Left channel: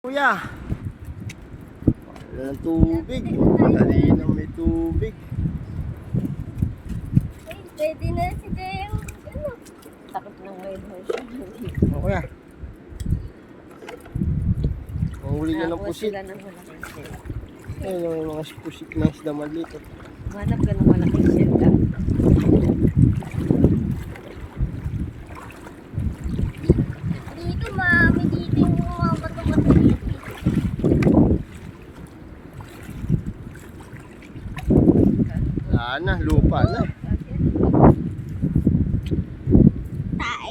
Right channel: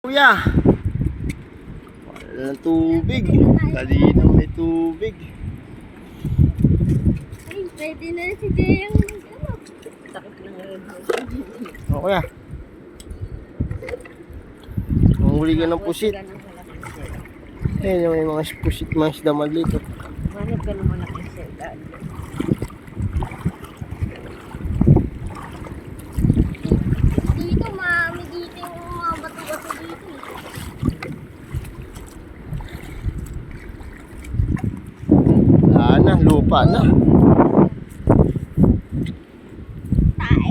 Kuya, wala ng tubig. Kanina may tubig. Ay, pwede na si Jay ang ano. Takot ng ride hose. O kuya, manghuli ka ng pusit. Ayun yung may mga pusit, mga isda maliit. Manap ka ng malaking sila. Dito, mami, dito yung mga bato-bato dito. Wala na, lupa na. Tae.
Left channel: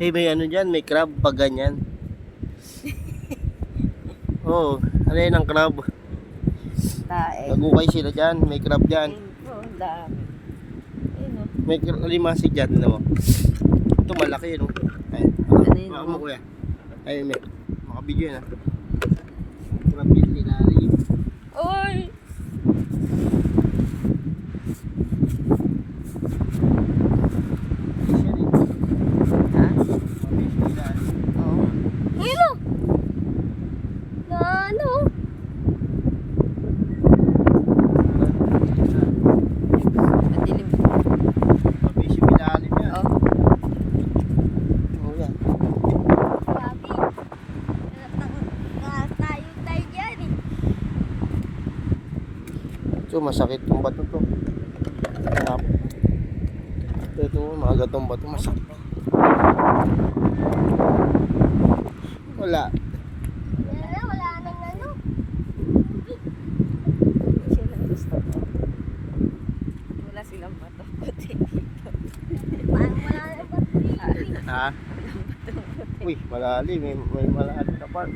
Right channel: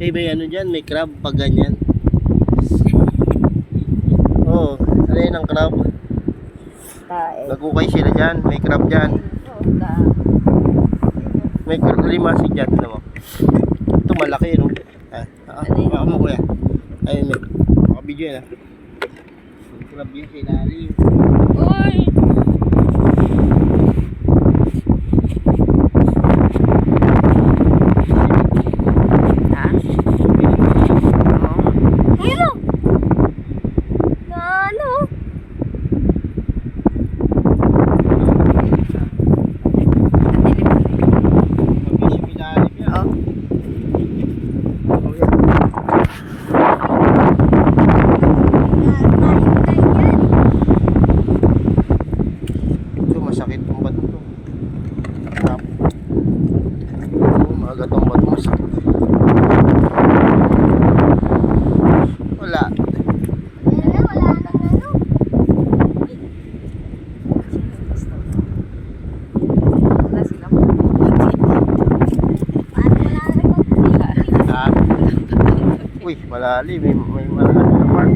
Eh, may ano dyan, may crab pag ganyan. Oo, ano yun ang crab? Tae. Nagukay sila dyan, may crab dyan. May limasig dyan, tignan mo. Ito malaki no. Baka mo kuya. Ayun may, makabidyo yun crab yun sinari. Uy! Ha? Oo. Uy mo! Na ano? Mabisi pinali niya. Oh. Oh, yan. Tayo yan eh. Ito masakit tong bato to. Crab. Ito, maaga tong bato masakit. Wala. Wala nang ano. Sino gusto ko? Wala silang puti. Paano wala nang puti? Ha? Uy, malalim. May malalim na part.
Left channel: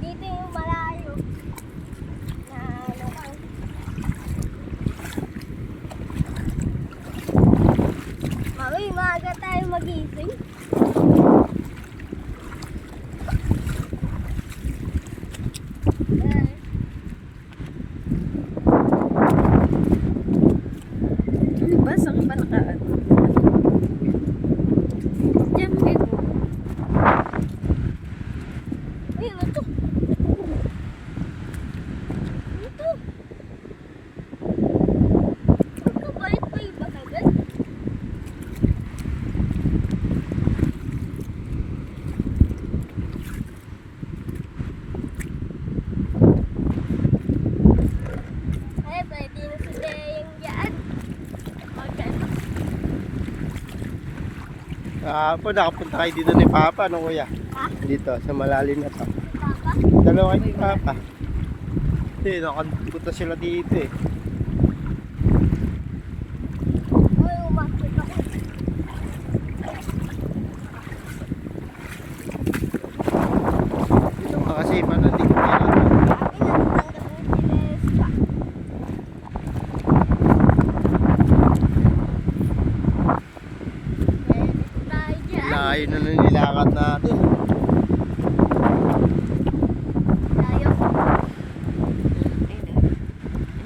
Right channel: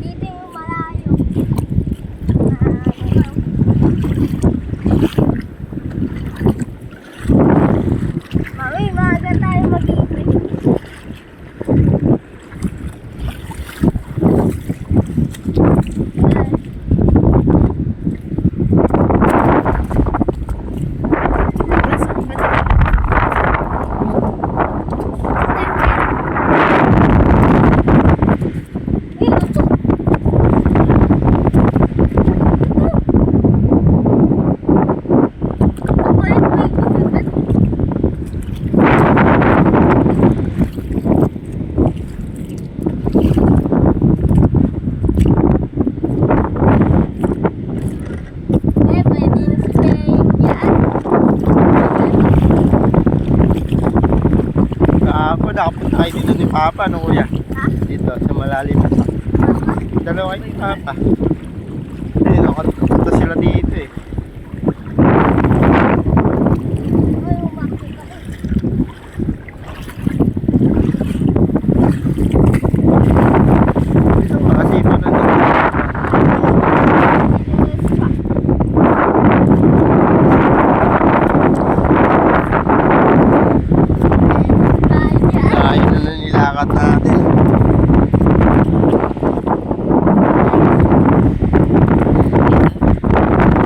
Dito yung malayo. Na ano ka. Mami, maaga tayo mag-iipin. Ako, nakapunta kayo dito ni Papa, no kuya? Ha? Dito, sa malalim na sa. Papa? Dalawa kayo ni Papa. Eh, nakapunta sila dito eh. Ay, umakit ako. Dito makasipa na dito. Ayun na na nilakad natin.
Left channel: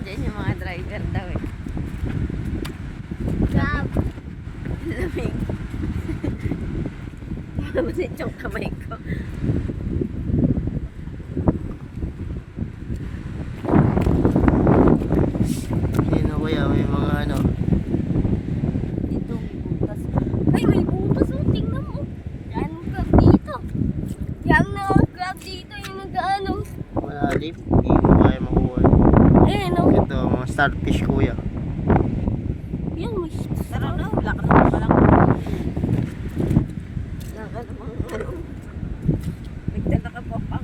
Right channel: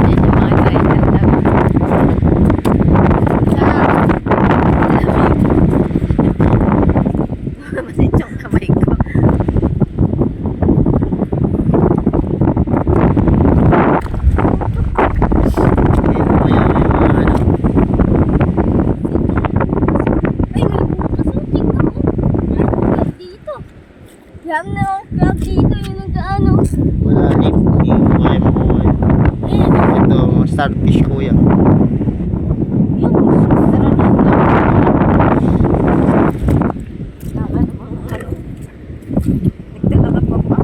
Yan yung mga driver daw. Masit yung kamay ko. Ayun kuya, may mga ano. Ay, may butas ang tingnan mo. Yan, crab dito. Yan na ang crab dito yung nag-ano. Malalim. Hindi mo kaya makuha yun. Eh, Ito, mga starfish kuya. yung sara na ang laki. Baka namang ano. Nagtaka ka pa pa.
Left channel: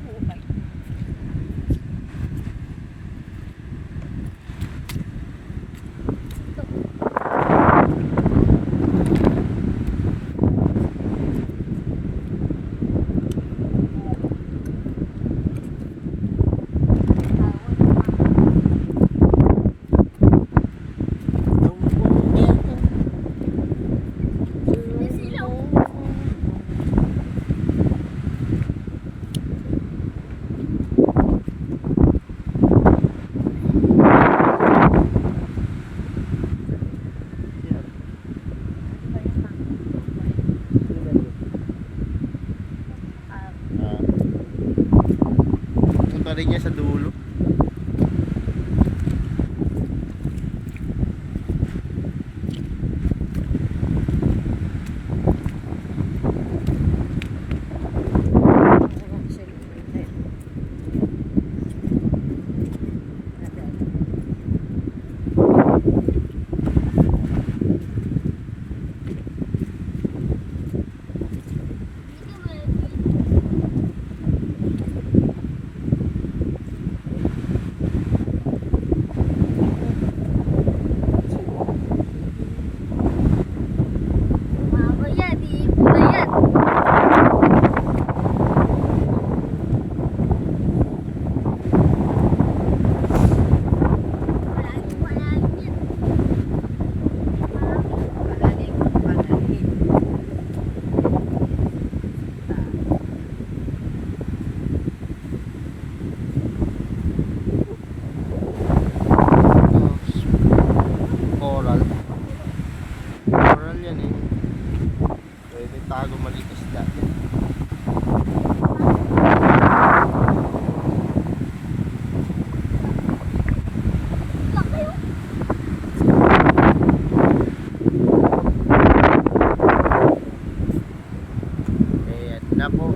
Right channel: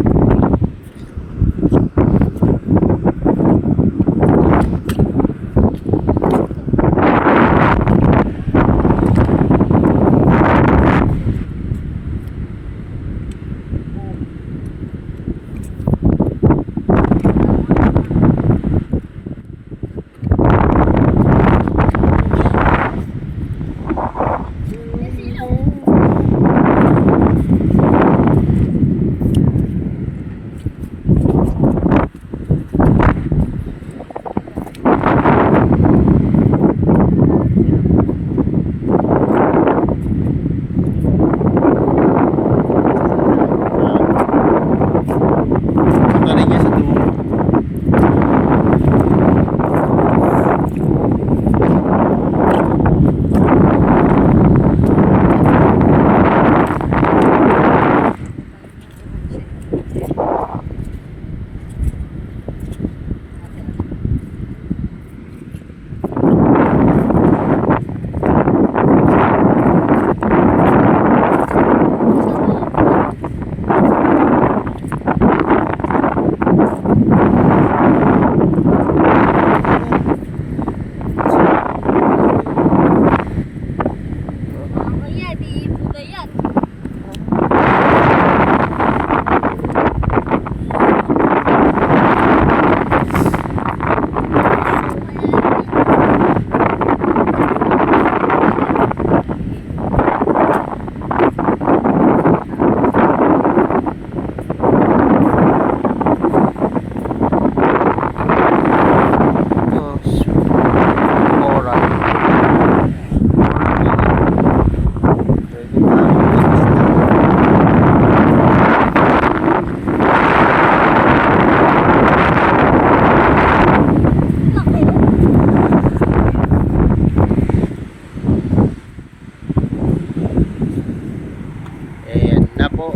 na po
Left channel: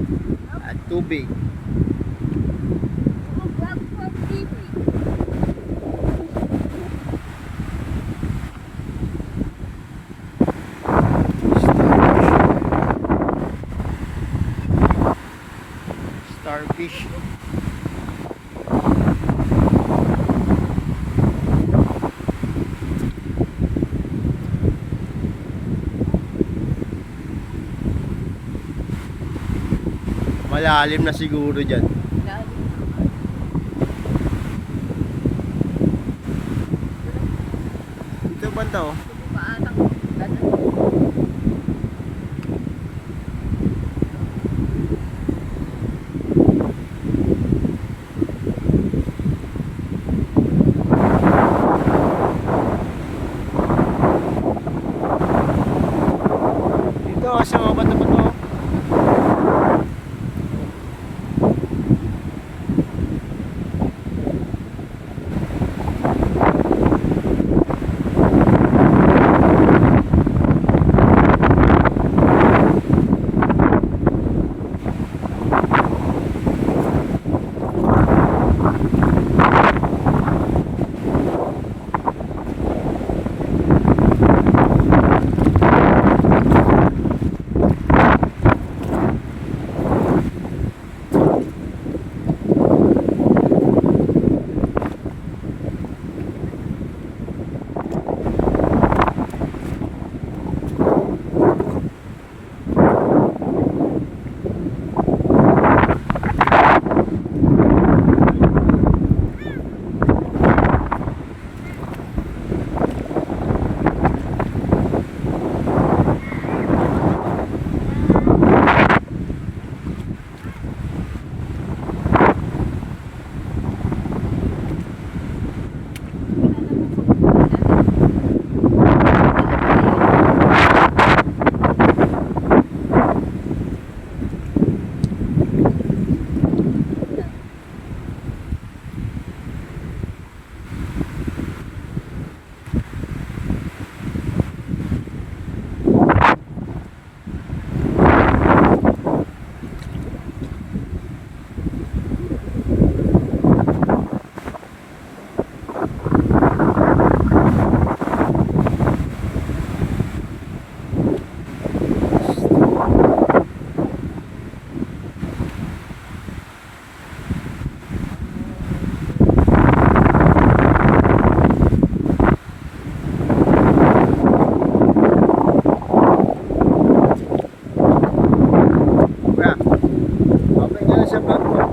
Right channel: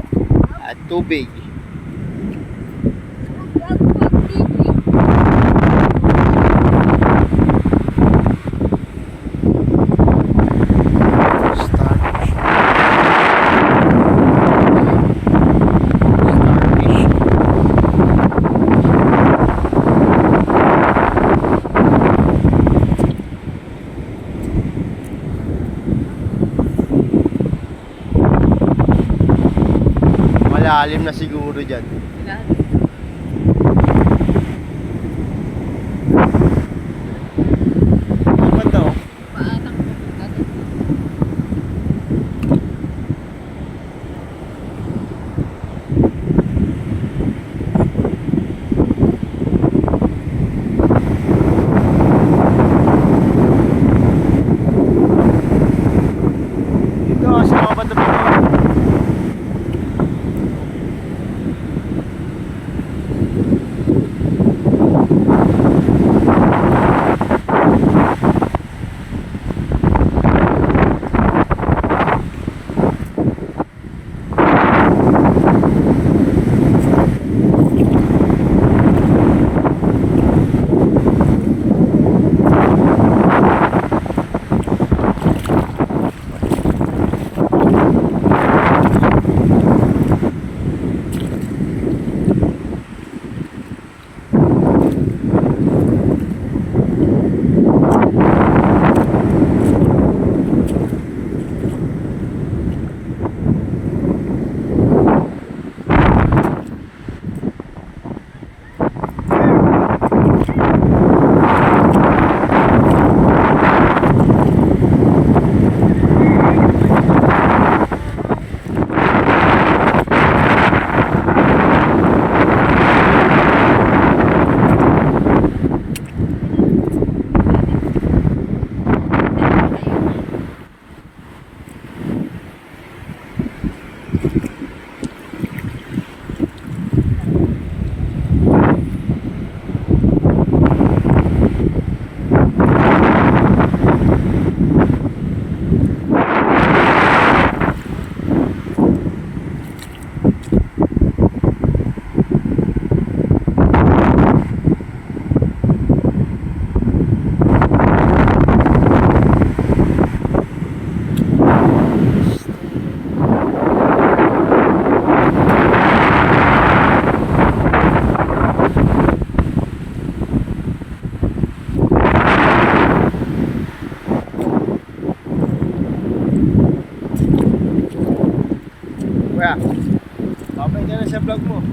at tubig. Mag-crab dito. Starfish. Malalim na siguro dyan. Ito ba to? Ito sa mga bato to. Kuya, babay nga na sa vlog mo.